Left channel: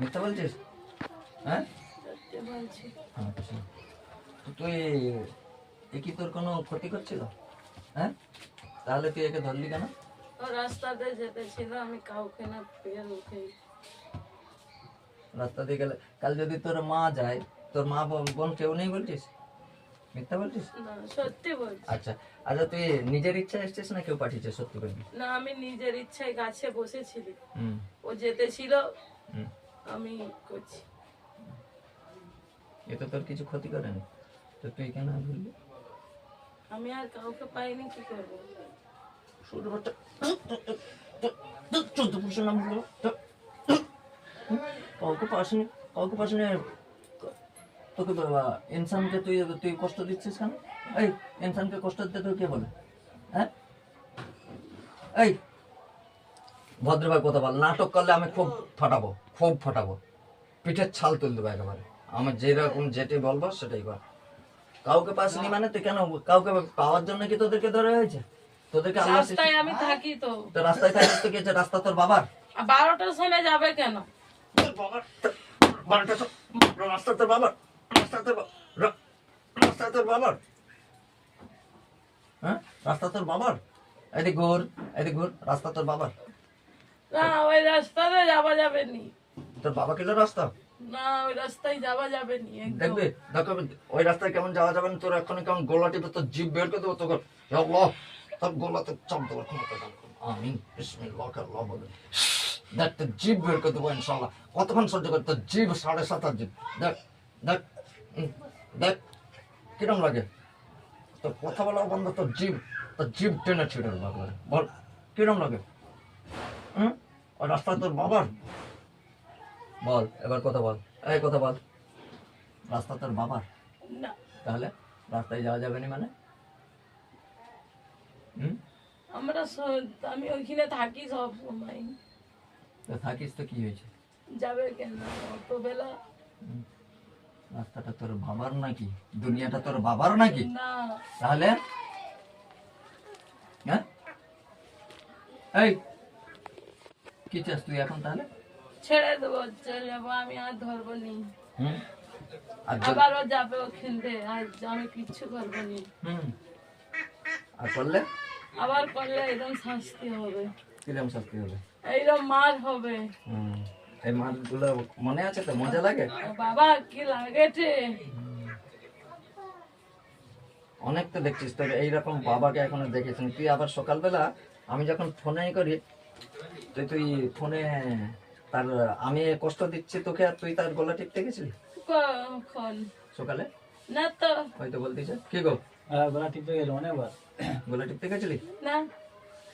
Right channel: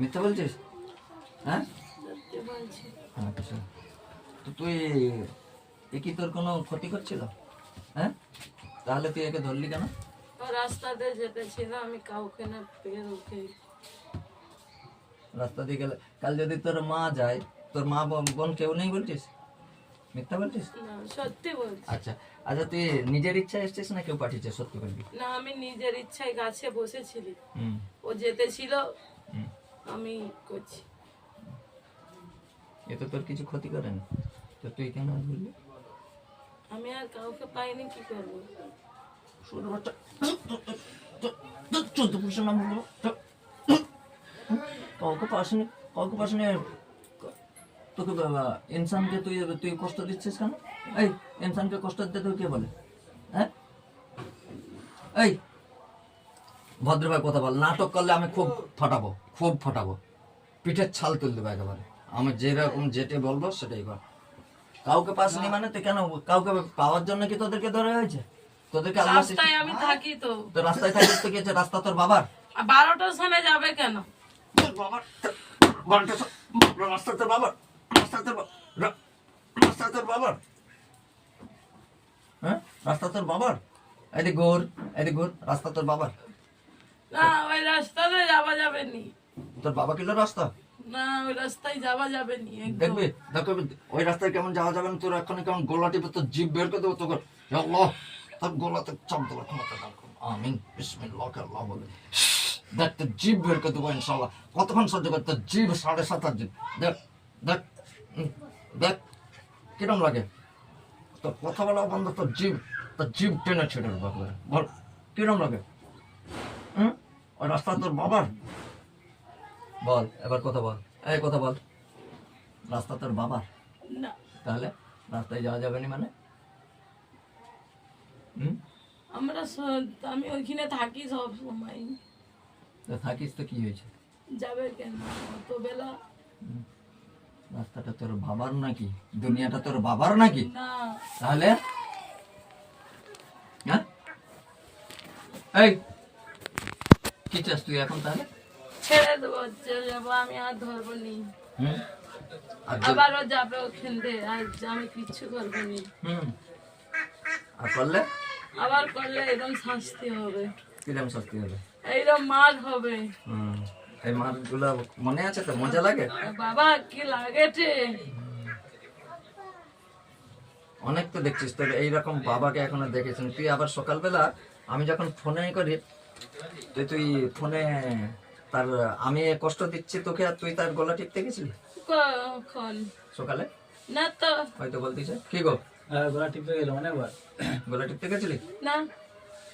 মিথ্যা বলছিস? হ্যাঁ সত্যি বলছি। আচ্ছা, তো তুই এ কি তোর কোনো ক্ষতি করছিল? হ্যাঁ, তাহলে তুই একে ধরলি কেন? ও রাস্তাতে যেতে ছিল, আমি কাউকে না পেয়ে উঠে। রাস্তা দিয়ে গেলে কাল যদি তোর মা যায়, তোর মা বোন কেউ নেই বলছিস? মিথ্যা বলছিস? না, সত্যি বলছি। আচ্ছা আচ্ছা, তুই নিজের ইচ্ছা এসছিস না কেউ পাঠিয়েছে? সত্যি বলবি। না, আমি নিজের ইচ্ছায় গাছে বসেছিলি, হুম ও যেতে ছিল, হুম। আমি করছি। এ তো তোর কিছু ক্ষতি করেনি, তো তুই কেন বললি? আমি আর কাউকে পাইনি, কি করবো? ছোট বাচ্চা, চোদ্দ পুরুষের নাম বলবো কাউকে পাসনি, কাউকে পাসনি। তোকে ইনসানকে তুই তুই কষ্ট দিচ্ছিস কেন? এই ইনসানকে কষ্ট দিতে তুই কে বলে? হ্যাঁ, এই ভদ্রভাবে কথা বল। নাটক করলে আমি খুব ফাটাবো, খুব ফাটাবো, পিঠের ছাল তুলে দেবো একেবারে। আমার যেরকম যেটা বলবো সেটাই কর। কাউকে পাসনি মানে তুই কেন? কাউকে পাওয়ার জন্য কি তোদেরকে ধরে হয়েছে? তোদেরকে আল্লাহ রাস্তায় আমি থাকি তো। তো রাস্তায় থাকিস তো কি হয়েছে? রাস্তা তোর বাবার? 12টার সময় যাবে কেন? তোর বাবার রাস্তা তোর বাবার, রাস্তা তোর রাস্তা তোর বাবার। হ্যাঁ, রাস্তা তোর বাবার। এদিক ঘুর, এদিক ঘুর, রাস্তা তোর বাবার। না, ওই রাস্তাতে যাওয়া যাবে নি। তোর বাবা কিলো রাস্তা? না, ওই রাস্তায় যাওয়া যাবে নি একদম। দেখবি দেখবি ওই রাস্তায় কেমন যাওয়া যাবে না। তোর এখন কেমন গোলা টিপে তোর জিভ বের করে দেবো। তোর আল্লাহ, তোর গোলাতে চাপ দেবো ক্ষমতা দান করুন। আমিন বিসমিল্লাহ আল্লাহ বলে দেখ, তোর জিভ বের করে দেবো ইনশাল্লাহ। কতক্ষণ সহ্য করে তোর জিভ? 7.5 জিভ। দেখ দেখ দেখ কিরম লাগে তোর কথা বলা বন্ধ, তোর জিভ টেনে ছেড়ে দেবো একেবারে। বল কিরম লাগে? হুম, ওই রাস্তা তোর বাবার? বল এবার কথা বল, এই কথা বল। রাস্তা তোর বাবার? না, তাহলে রাস্তায় যাওয়া যাবে না মানে? হুম, আমি ওইখানে থাকি সব সময়। তো থাকিস তো কি হয়েছে? যাবে কেন অত বেলা? রাস্তাটা তোর বাবার নাকি? দুনিয়াটা তোর বাবার নাকি? না, তাহলে হ্যাঁ, এই কি চাস তুই এখন তাহলে? ছেড়ে দেবো, চলে যাবো, আমি আর ধরবো নি। হুম, আর আবারও যাবে ওখান থেকে, আর আমি কিচ্ছু করবো নি। হুম, আর করলে আবার করলে এরকম শাস্তি হবে, কিরম শাস্তি হবে? এইরকম মার হবে। হুম, এই মাছগুলো মনে আছে তো? মজা লাগে? বাবা কি লাগেছে? অনেক তো দেখছিস তোর এইরকম বাবাকে এখনো দেখেছেন তুই। আবার সকালবেলা আমি যখন ফোনে করি, তুই ফোনে তার আমি কষ্ট দিচ্ছি তোকে, আর তুই তার গলা টিপতে গেছিলি কখন? সকালে? না তো। হয়তো বলতেছে কি গো, গলা টিপে গেল অনেকবার। গলা টিপতে গেছিলি? না,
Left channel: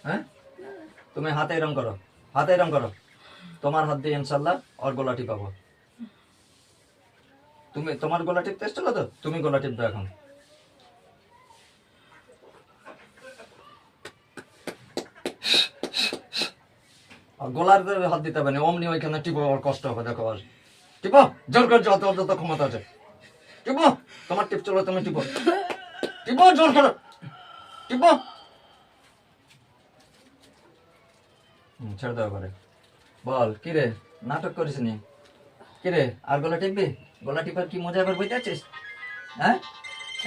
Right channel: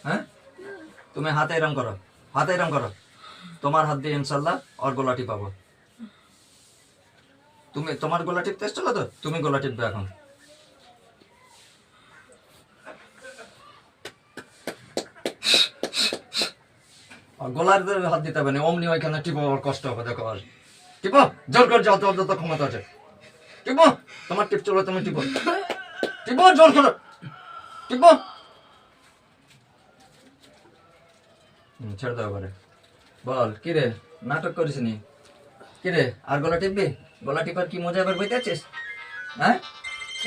হ্যাঁ, তুমি হাতে এরম করো, হাতে এরম করো, তোমার হাত দিয়ে ইনশাল্লাহ ওর গলা টিপাবো। তুমি তোমার গলা টিপতে এসেছিল তো, তুমি গলা টিপবে এখন। আর গলার হাত দিতে হবে না, অমনি ওইখানে টিপো, ওর কষ্ট হবে। দেখো আর টিপো, জোর করে যাও, তোর যত ক্ষমতা আছে টিপো। তোমার টিপ চলো, তুমি টিপো, টিপো জোর করো, টিপো। ছেড়ে দাও করে। বল কি রে, নাটক করিস নি কি রে? আর গলা টিপবি? গলা টিপার কি মজা এবার বুঝতে পারছিস? হ্যাঁ,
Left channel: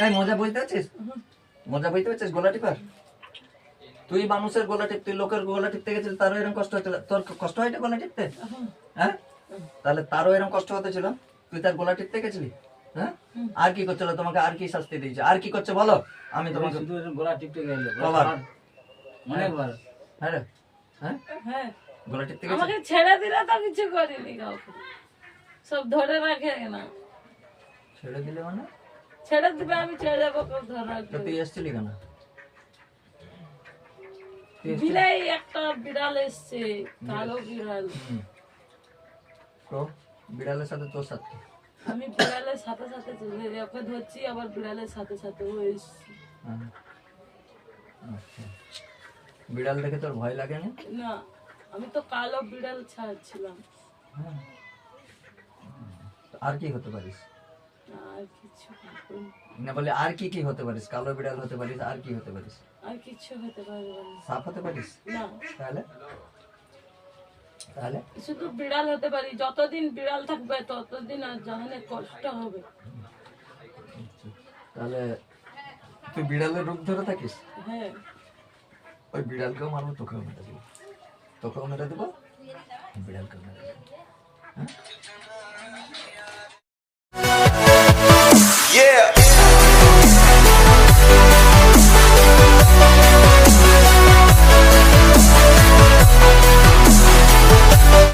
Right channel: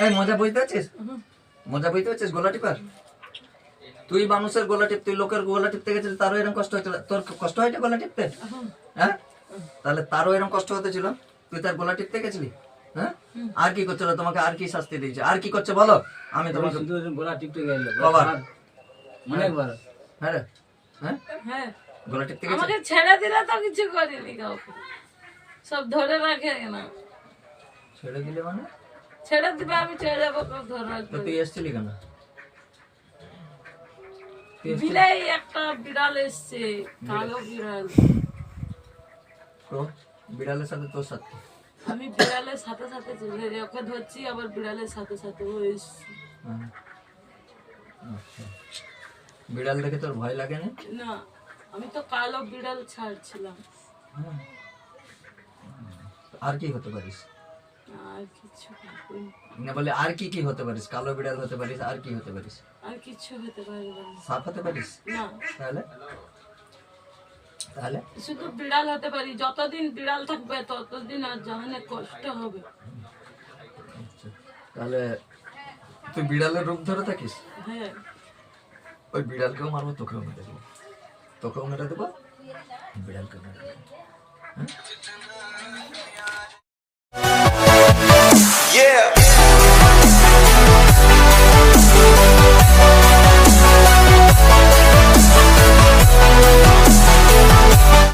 এই মজা বুঝতে পারছিস? মজা বুঝতে পারছিস গলা টিপার? তুই মানুষের গলা টিপ, তুই লোকের গলা টিপতে গেছিস, তারও এরকম কষ্ট হয়েছিল। তোর কষ্ট হয়নি গলা টিপতে? হ্যাঁ, তাহলে তারও এরকম কষ্ট হতে ছিল, তুই তার গলা টিপতে গেছিলি। হ্যাঁ, আর কি করছিল? তোমাকে আর কি শাস্তি দিয়েছে? আর কি করছে বলো, আমি তোমাকে। শুধু গলা টিপতে গেল বাবা অনেকবার। হ্যাঁ রে, হ্যাঁ হ্যাঁ, গলা টিপতে গেছে। আমাকে ছেড়ে দিলে তো কিছু করিনি কাউকে, সব ধরে রাখে না। ছেড়ে দিলে মানে? ছেড়ে দিলে আমি চলে যাবো, কেউ ধরে তো রাখবে? তুই এসছিলি কেন? তুই এসছিলি? বিলাই একটা বিড়াল এসছে, কালো বিড়াল। তো বিড়ালের সাথে তোর সাথে? আমি বিড়ালের সাথে সাথে চলে যাই, ওকে ধরছি, আবার বিড়ালের সাথে সাথে ও এসছে। হ্যাঁ, আচ্ছা। বিড়াল দেখে তোর ভয় লাগে না? না, আমি তো কালো বিড়াল ছাড়ছিলাম। আর কি হতে পারিস? আর কিছু হবে না। না বলে আর কি কি হতে পারিস? কালো বিড়াল হতে পারিস, আর কি হতে পারিস? আর কিছু হতে পারবে না। সাপ হতে পারিস? না, তাহলে তাহলে শুধু বিড়াল হতে পারি, যতদিন বিড়াল থাকবে ততদিন আর জাহানে কষ্ট হবে। তাহলে তুই বিড়ালের রূপ ধরে থাকিস? হ্যাঁ, ওই বিড়ালকেও মারবো, তোকেও মেরে দেবো, তোকেও মেরে দেবো, বিড়ালকেও মেরে দেবো। হ্যাঁ?